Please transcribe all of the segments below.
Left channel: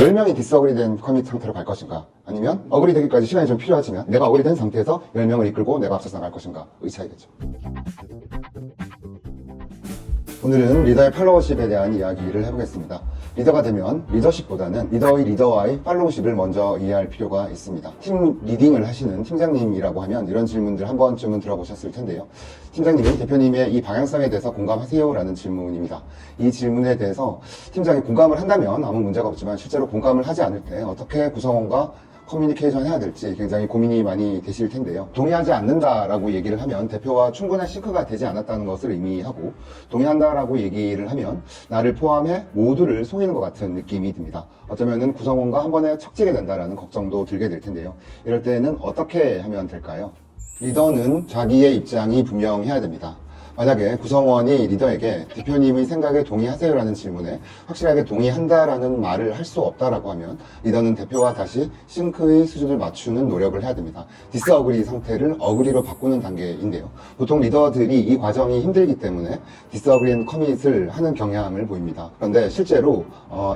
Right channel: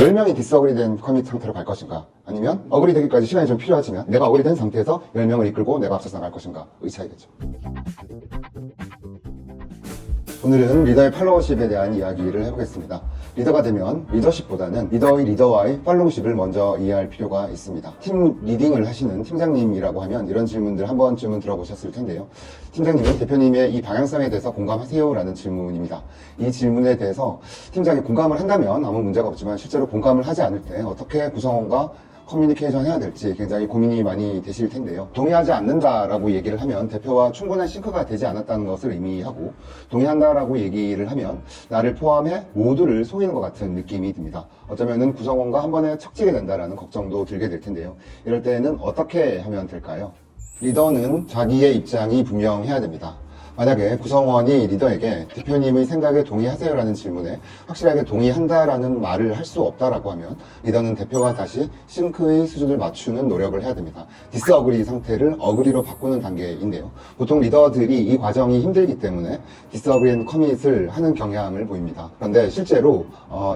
10명이 디스어그리 된 커밋 상태로 갈 것인가, 아니면 어그리 되기까지 시간이 좀 필요하지만 내가 어그리 된 상태에서 10명을 이끌고 내가 앞서서 나갈 것인가의 차이겠죠. 오늘은 리더의 팔로워십에 대한 이야기를 해보겠습니다. 리더가 되면 리더십보다는 리더의 리더와의 팔로우십을 먼저 이해할 필요가 있습니다. 팀 리딩을 하시는 팀장님이라고 하면 이런 질문들 한 번쯤은 들어보셨을 텐데요. 팀장님이 대표님의 이 방향성에 대해서 공감하세요? 라는 질문입니다. 이 질문에 대해서 팀장이 공감을 한다면 아무 문제가 없지만 실제로 공감을 하지 않을 때 어떻게 구성원과 커뮤니케이션 해야 될지 굉장히 고민이 많이 되실 텐데요. 동의하지 않는다라고 얘기를 하면 대표와 충분한 싱크가 되지 않았다는 것을 의미하고, 동의한다라고 얘기를 하면 나를 포함해 모두를 속이는 것 같은 느낌이 듭니다. 어쩌면은 구성원과 한 번에 척지게 된다라는 걱정도 들게 될 텐데요. 이럴 때는 어떻게 하면 될까요? 리더는 자기의 입장이 분명해야 됩니다. 만약에 구성원이 리더에게 대표님의 생각에 동의하세요라는 질문에 확실하게 동의한다라는 말을 할 수 없다라고 하면 리더는 대표와 다시 싱크의 수준을 맞추는 노력을 해야 됩니다. 디스어그리 상태를 어그리로 바꾸는 단계인데요. 보통 리더들이 이 과정이 힘들기 때문에 디스어그리 앤 커밋을 하는 경향을 보입니다. 그런데 실제로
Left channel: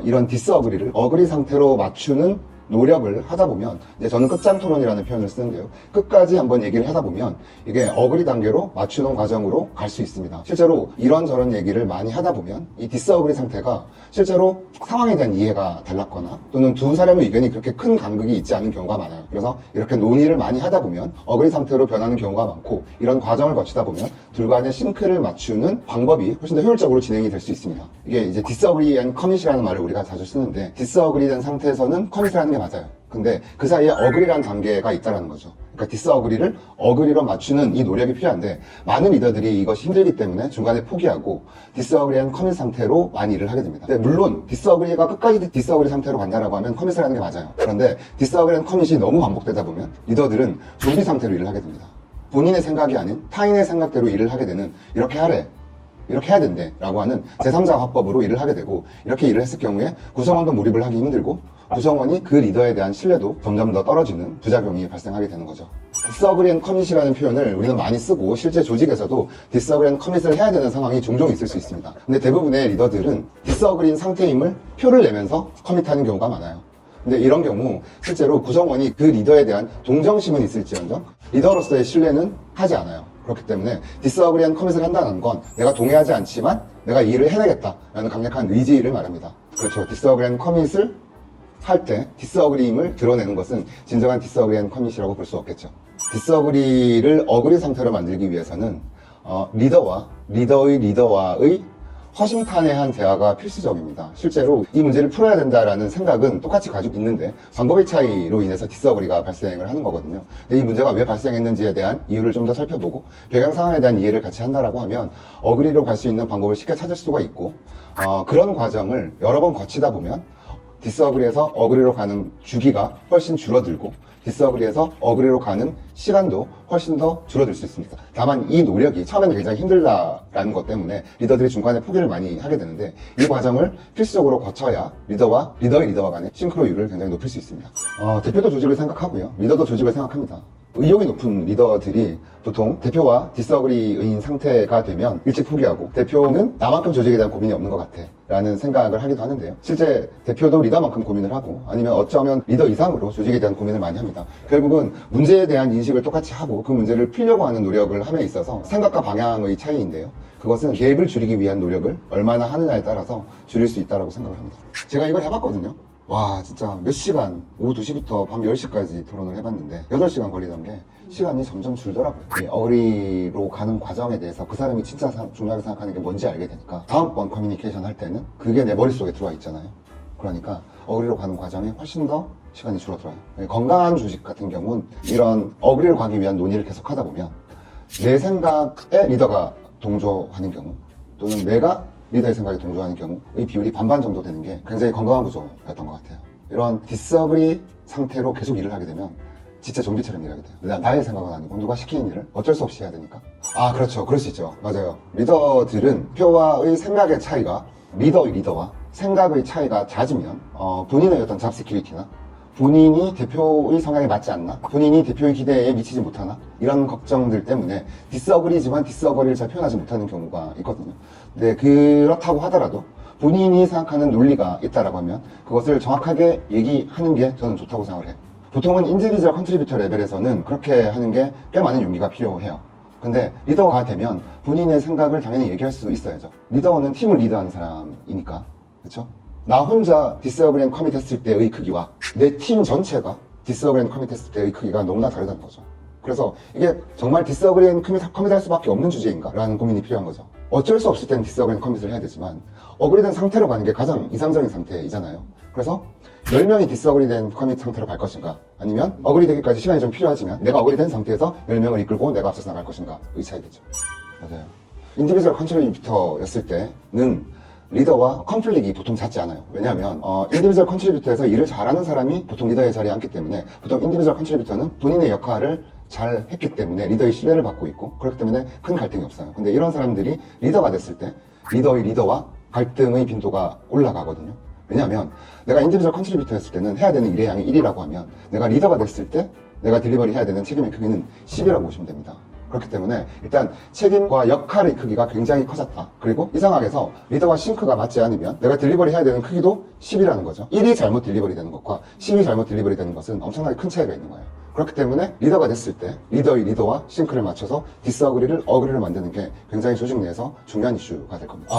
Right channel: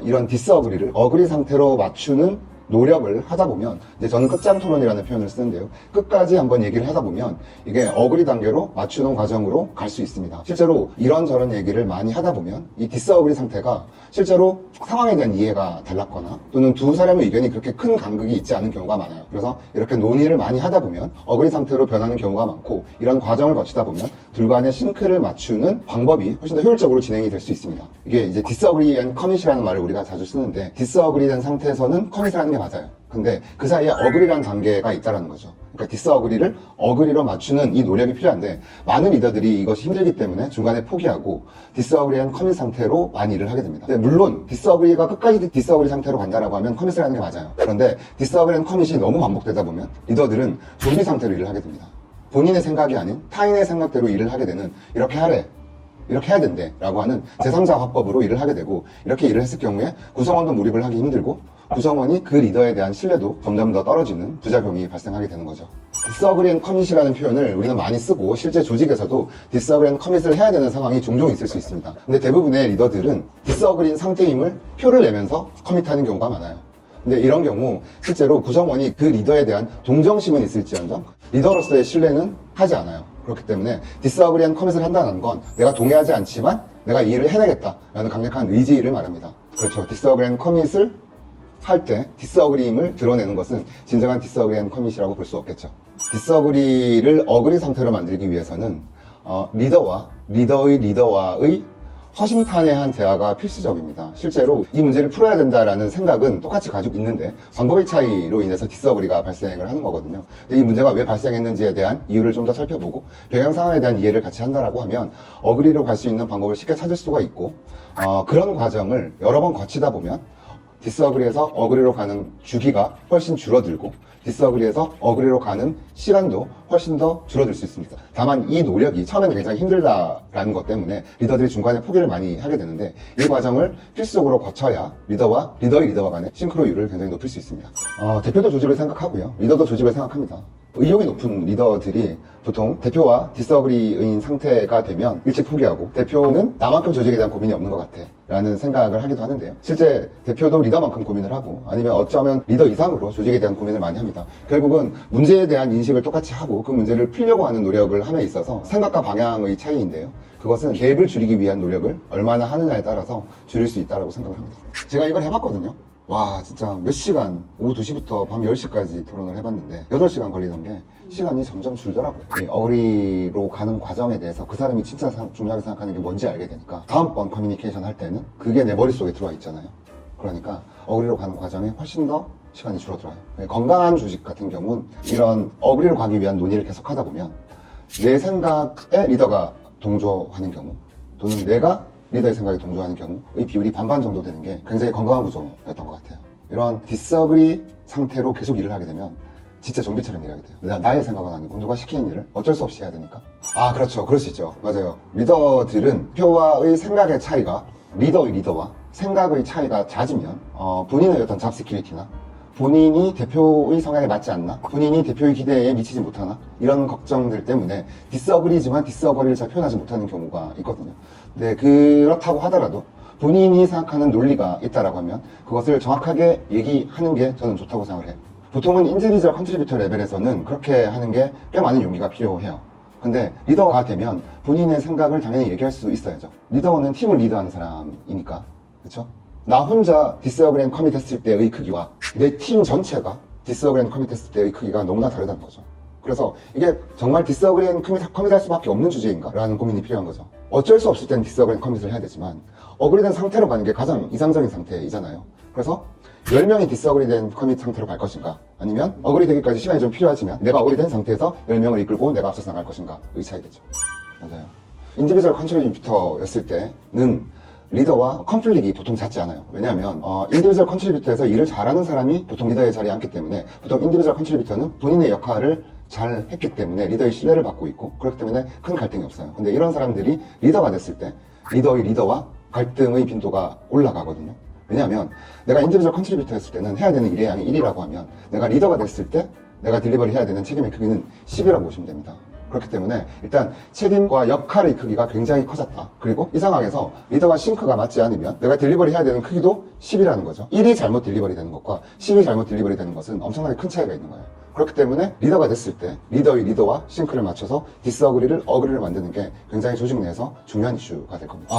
이런 디스어그리를 어그리 상태로 맞추는 노력을 하다 보면, 이제 저는 끝장 토론이라는 표현을 쓰는데요. 끝까지 한번 얘기를 하다 보면 이게 어그리 단계로 맞추는 과정으로 갈 수 있습니다. 실제로 이런저런 얘기를 많이 하다 보면 이 디스어그리 상태가 실제로 상황에 대한 이해가 달랐거나 또는 두 사람의 의견이 그렇게 큰 간극이 있지 않은 경우가 많아요. 그래서 이렇게 논의를 많이 하다 보면 어그리 상태로 변하는 경우가 많고, 이런 과정을 거치다 보면 둘 간의 싱크를 맞추는 방법이 훨씬 더 효율적으로 진행이 될 수 있습니다. 이게 이제 디스어그리 앤 커밋이라는 말을 우리가 자주 쓰는데, 디스어그리 된 상태에서는 커밋을 하는 게 맞아요. 근데 그 사이에 어그리라는 단계가 있다는 거죠. 그러니까 디스어그리를 어그리로 맞추는 이 노력이 필요한데, 많은 리더들이 이것이 힘들기 때문에 중간에 포기하고 디스어그리한 커밋 상태로 많이 일을 하게 됩니다. 근데 물론 디스어그리가 끝까지 디스어그리 상태로 간다라고 하면 커밋을 하는 게 맞아요. 그런데 디스어그리한 커밋이 너무 반복되다 보면 리더들은 준비 상태로 일을 하게 됩니다. 본인의 생각이 아닌 타인의 생각대로 일을 하게 되는, 이렇게 하래, 이렇게 해야 된대 라고 하는 제3자 화법으로 일을 하게 되고, 이렇게 일을 했을 경우에 구성원도 몰입을 하기 힘들고 구성원이 그 리더에 대한 신뢰도 점점 더 떨어지는 부작용이 발생하게 되는 거죠. 디스어그리 앤 커밋이라는 표현을 우리가 많이 쓰고 실제 조직에서도 디스어그리 앤 커밋을 해야 되는 상황이 종종 있을 수 있습니다. 근데 대부분의 리더들은 디스어그리인 상태임을 표를 내면서 커밋하는 경우가 많아요. 근데 이런 경우 실제로 구성원이 그 리더에 대한 동정심은 있을지언정 리더로서의 신뢰는 하지 않아요. 그렇기 때문에 디스어그리 앤 커밋을 한다는 건 내가 동의하지 않지만 내가 이 일을 해내겠다라는 강력한 의지를 말합니다. 그렇죠. 디스어그리 앤 커밋을 할 때 디스어그리임을 드러내는 것은 진정한 디스어그리 앤 커밋이라고 볼 수 없겠죠. 디스어그리를 어그리 상태로 만들기 위해서는 리더와 리더의 리더와의 허심탄회한 대화가 필수적입니다. 실제로 이 문제를 풀어야 된다라는 생각은 똑같이 가지고 있는데 방법의 차이로 인해서 디스어그리가 발생을 하는 거거든요. 이 문제가 왜 발생했는지에 대한 이유를 좀 더 살펴보고 배경 상황에 대한 이해를 같이 한다라고 하면 어그리로 갈 수 있는 방법을 쉽게 찾을 수가 있고, 그런 과정을 여러 번 거치다 보면 디스어그리에서 어그리로 가는 주기가 훨씬 줄어들고 디스어그리에서 어그리로 가는 시간도 훨씬 더 줄어들 수 있습니다. 다만 이 노력이 처음에는 굉장히 힘들다라는 것 때문에 리더들이 중간에 포기를 많이 하게 되는데, 이 과정을 필수적으로 거쳐야 리더와 리더의 리더와 간의 싱크로율을 굉장히 높일 수 있습니다. 대표도 조직을 생각하고요, 리더도 조직을 생각합니다. 의욕이 높은 리더들이 보통 대표와 디스어그리인 상태가 되면 일찍 포기하고, 대표는 나만큼 조직에 대한 고민이 없는 것 같아 라는 생각을 하기도 하는데요. 실제 대표도 리더만큼 고민을 하고, 아니면 어쩌면 리더 이상으로 조직에 대한 고민을 많이 합니다. 결국은 문제에 대한 인식을 똑같이 하고 그 문제를 풀려고 하는 노력을 함에 있어서 생각과 방향의 차이인데요. 그것은 갭을 줄이기 위한 노력을 얼마나 하느냐에 따라서 줄일 수 있다고 생각을 합니다. 제가 이걸 해봤거든요. 와, 진짜 몇 시간, 오후 2시부터 밤 10시까지 토론을 해봤는데 8시간 걸리던 게 시간이 점점 줄더라고요. 이 어그리로 가는 과정에 대해서 그 사람이 진짜 중요하게 생각하는 게 뭔지 알게 되니까 다음번 커뮤니케이션 할 때는 그게 내 머릿속에 들어와 있잖아요. 그러니까 어그리로 가는 과정이 훨씬 더 시간이 줄어들어요. 건강한 조직 같은 경우는 이런 어그리로 가기 위한 논의를 계속 하다 보면 내 생각에 리더가 동조하는 경우, 또는 내가 리더의 생각에 동조하는 경우의 비율이 반반 정도 되는 게 굉장히 건강한 구조였던 것 같아요. 이런 디스어그리 상태로 계속 일을 하게 되면 진짜 좀비처럼 일하게 돼요. 나의 생각은 아니고 누가 시키는 일을 어쩔 수 없이 해야 되니까. 그렇죠. 그럴 수 있죠. 맞아요. 리더들은 표와의 생각의 차이가, 리더의 리더와 생각의 차이가 잦으면 본인의 어떤 잡 시큐리티나 본인이 대표의 성향에 맞지 않나? 본인이 대표의 기대에 미치지 못하나? 이런 걱정들 때문에 디스어그리지만 디스어그리를 잘 표현하지 못하는 경우가 있거든요. 근데 그렇다고 하더라도 본인이 생각하는 논리가 있다라고 하면 그것을 정확하게 얘기하는 게 저는 좋다고 생각을 해요. 보통은 인디비주얼 컨트리뷰터 레벨에서는 그렇게 하는 게 꽤 많은 용기가 필요해요. 근데 리더가 되면 본인의 생각을 당연히 얘기할 수 있어야죠. 리더는 팀을 리드하는 사람이니까. 그렇죠? 나 혼자 디스어그리 앤 커밋 했을 때의 크기와 내 팀 전체가 디스어그리 앤 커밋 했을 때의 크기가 너무나 다르다는 거죠. 그래서 이게 정말 디스어그리 앤 커밋할 수밖에 없는 주제인가? 라는 고민이 필요한 거죠. 어쩔 수 없을 땐 디스어그리 앤 커밋을 해야 되지만 어그리된 상태로 가는 게 가장 이상적인 상태이잖아요. 그래서 10명이 디스어그리된 커밋 상태로 갈 것인가? 아니면 어그리되기까지 시간이 좀 필요하지만 내가 어그리된 상태에서 10명을 이끌고 내가 앞서서 나갈 것인가? 의 차이겠죠. 맞아요. 인디비주얼 컨트리뷰터였을 때는 리더와 컨플릭이 보통 잦지 않아요. 왜냐하면 인디비주얼 컨트리뷰터에서 일을 잘하는 사람이 보통 리더의 자리에 앉기 때문에 보통 인디비주얼 컨트리뷰터는 본인의 역할을 잘 했기 때문에 리더의 신뢰를 받고 있고 그렇기 때문에 큰 갈등이 없어요. 근데 이런 사람들이 리더가 됐을 때 리더의 리더와 갈등의 빈도가 올라가거든요. 왜냐하면 내가 인디비주얼 컨트리뷰터였을 때는 해야 되는 일의 양이 1이라고 하면 내가 리더가 됐을 때 내가 딜리버리 해야 되는 책임의 크기는 10이라고 보시면 됩니다. 그렇기 때문에 일단 책임과 역할의 크기가 굉장히 커졌다. 그리고 이 상황에서 리더와 싱크가 맞지 않으면 내가 딜리버리 해야 되는 크기도 10이라는 거죠. 1이 잘못 딜리버리 되는 것과 10이 잘못 딜리버리 되는 것은 엄청나게 큰 차이가 있는 거예요. 그렇기 때문에 리더가 됐을 때 리더의 리더와 싱크를 맞춰서 디스어그리를 어그리를 만드는 게 굉장히 조직 내에서 중요한 이슈가 될 겁니다.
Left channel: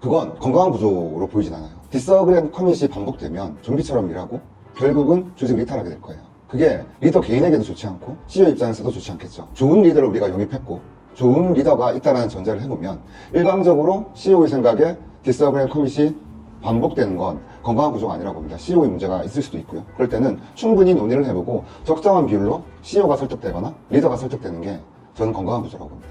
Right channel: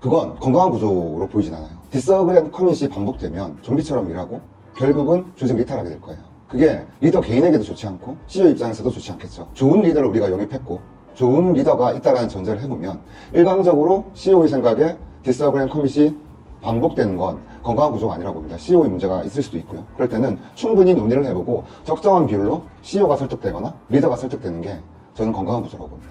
그건 건강한 구조로 보이진 않아요. 디스어그리 앤 커밋이 반복되면 좀비처럼 일하고 결국은 조직이 이탈하게 될 거예요. 그게 리더 개인에게도 좋지 않고 CEO 입장에서도 좋지 않겠죠. 좋은 리더를 우리가 영입했고 좋은 리더가 있다는 전제를 해보면 일방적으로 CEO의 생각에 디스어그리 앤 커밋이 반복되는 건 건강한 구조가 아니라고 봅니다. CEO의 문제가 있을 수도 있고요. 그럴 때는 충분히 논의를 해보고 적정한 비율로 CEO가 설득되거나 리더가 설득되는 게 저는 건강한 구조라고 봅니다.